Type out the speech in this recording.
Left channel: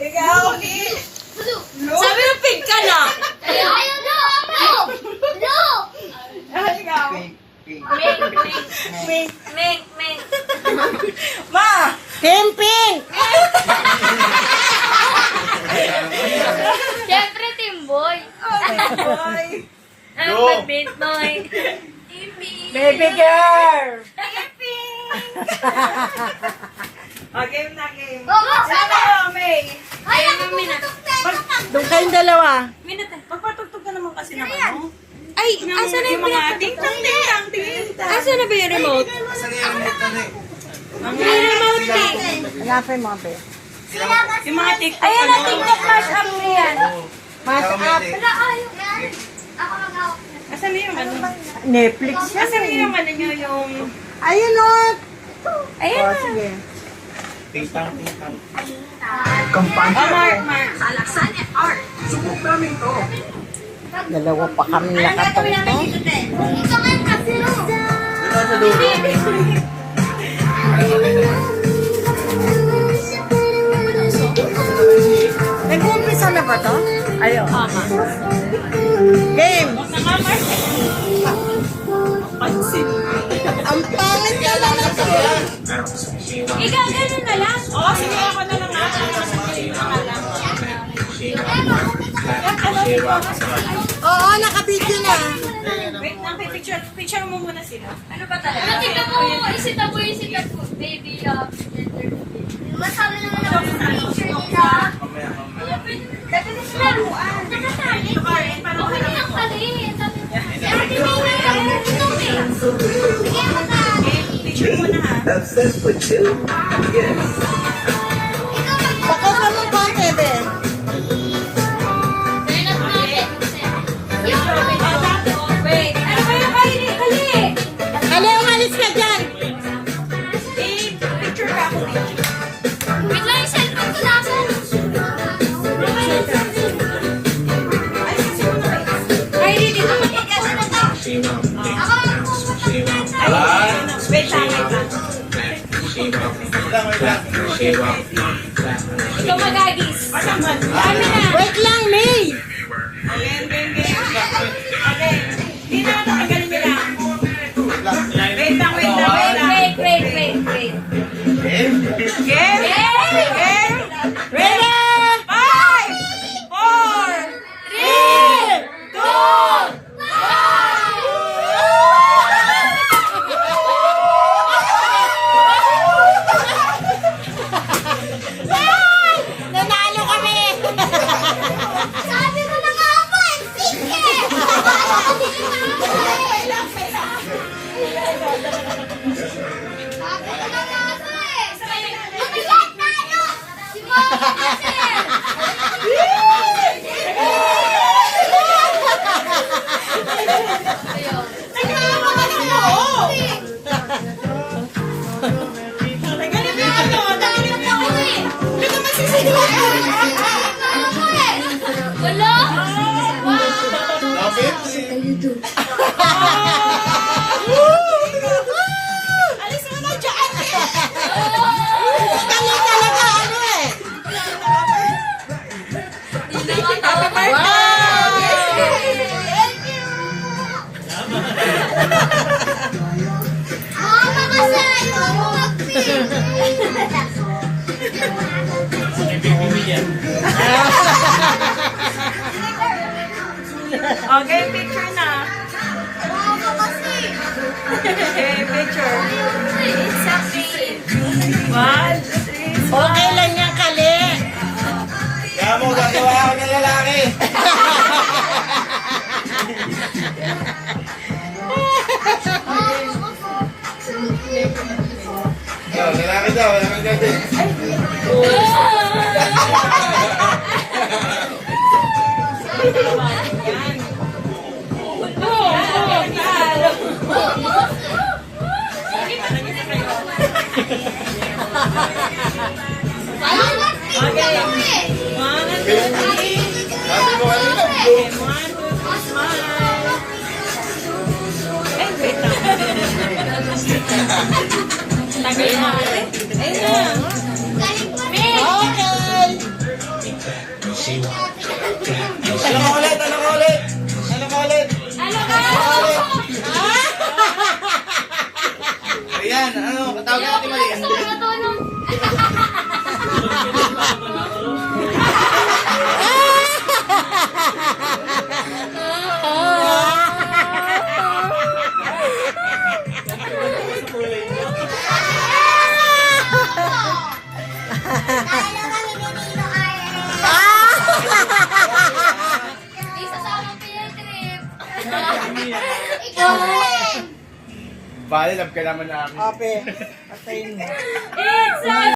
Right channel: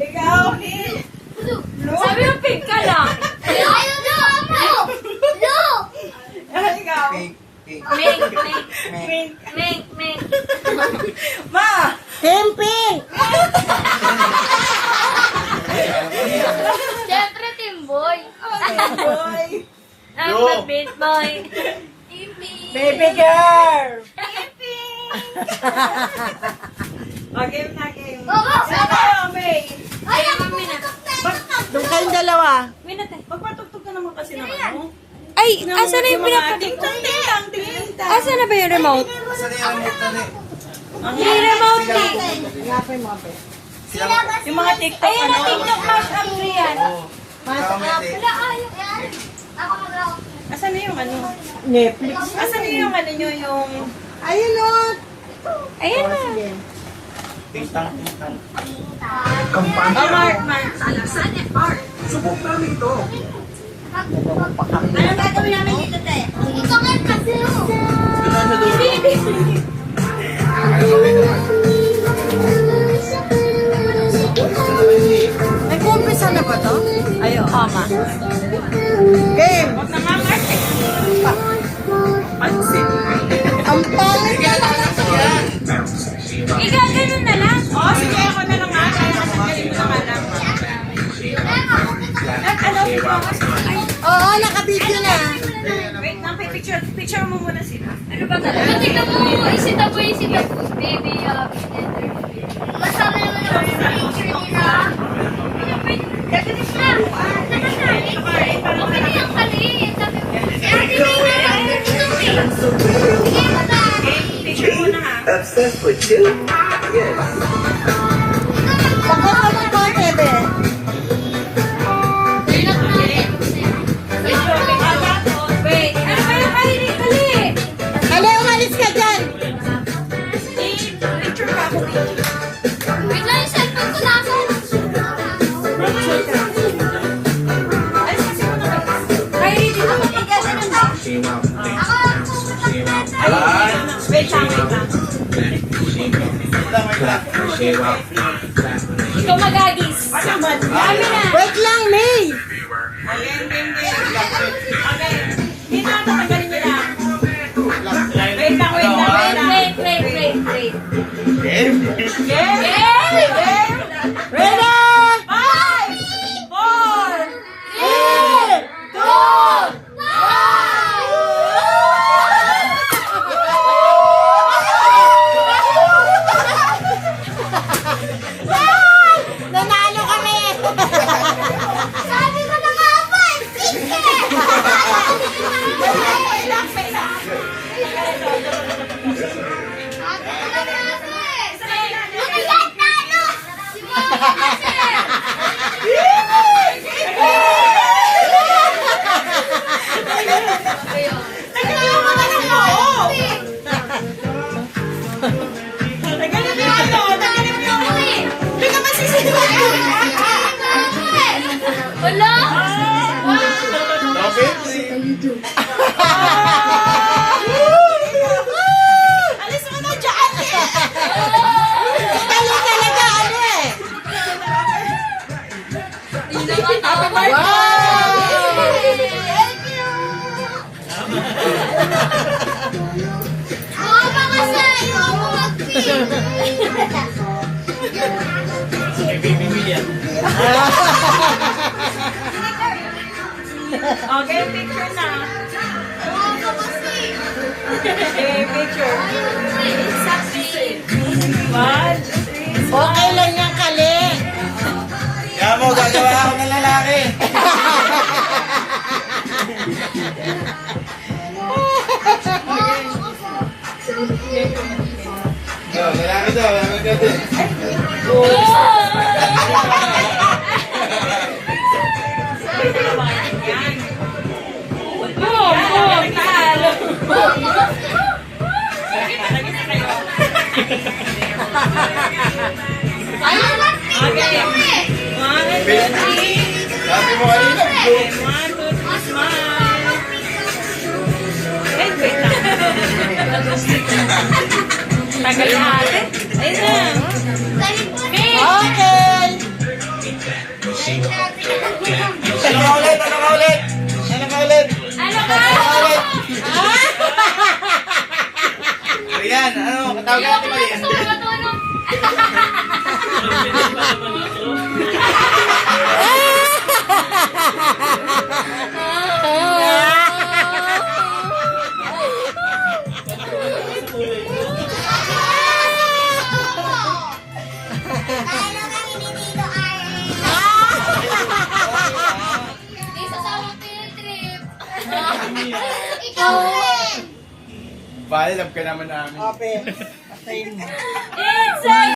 Ikaw? Sabi mo pink ka na. Ayaw na ako. No. Ikaw? Mink. Ma! Camping! Siyempre, Timboy. Boy! Ang badbit boy. Baby girl! Okay na, game. Sabi. May. Ay, mami na. Doon kayong dalawa. Minute. Magpatugtog ka naman kasi naman, no? Ay, asa na yung mga pinapatugtog? ting-tang. Asa na ba yung remote? May remote eh. Yapay mo, be. Yung mga TikTok, Ayan na, TikTok mash up na yan. Mas Wala, ayaw. Ako mag-awak niya. Asan na yung ano? Netflix yan. Asan na yung ano nyo, yung... Ayun o. Ayan Oh, na. sige. Oh, Mark. Dalawa pa kami. Anong gagawin namin dito, te? Ito ngayon kasi. Nag-uumpisa na ba to? Ayo. Game! Huwag na nga, Mark. Pansin. Ang pangit ka naman to. Ikaw, ganun na lang. Oo, sige, ako na lang nga. Kaya masanggalin mo naman lang. Oo, nakabidyo na. Wait lang, picture mo muna sila. Ano ba talaga? Tingnan mo, isitabu. Baby, masabi naman ako sa picture nila. Okay na yung kali. Sabi ko, Ate May na yung Picture mo na, ha? Obsessed with you? Yes. Baka ka ng konti, be. Wait, ano ba yung kali? Kali, umalis ka dyan. Picture ka ako, picture. Bigla yung cellphone ko nasan. Ay, kasi mo na kayo. Kylie, dito ka na dyan. Wait lang, wait lang. Ikaw magagis. Ano man? Ano na? Wait lang, May. Okay. Dito na tanggalin nyo lang. Wait lang. Wait. Game? Game? Ready? 5, 4, 3, 2, Nanalo kami. Sabi ko na nga ba, sige! Sabi ko na nga ba eh. Nag-iyak na ano? Si Mama kasi. Tanggalin mo na lang ako. Tanggalin mo ano. Tanggalin mo ano. Hindi ka masisigaw. Wala? Alis mo na dyan. Kali talaga, ano eh. Happy birthday. Mama kasi Okay, picture na. Mama kasi. Okay, picture. 1, 3, Okay lang yan, Kali. Kaya mo, gagawa ako ng lalaki. Oh, lalaki daw, lalaki daw din. Ayun lang, pizza kami. Sabi mo kanina, blue. Tagal na. Ayun na. Tawag natin mali. Gusto ko matulog. Talo kami ni Tito Arlen. Isa sa amang pinatrip. Ikaw rin. Bale, love ka naman namin. Ope, patayin mo. It's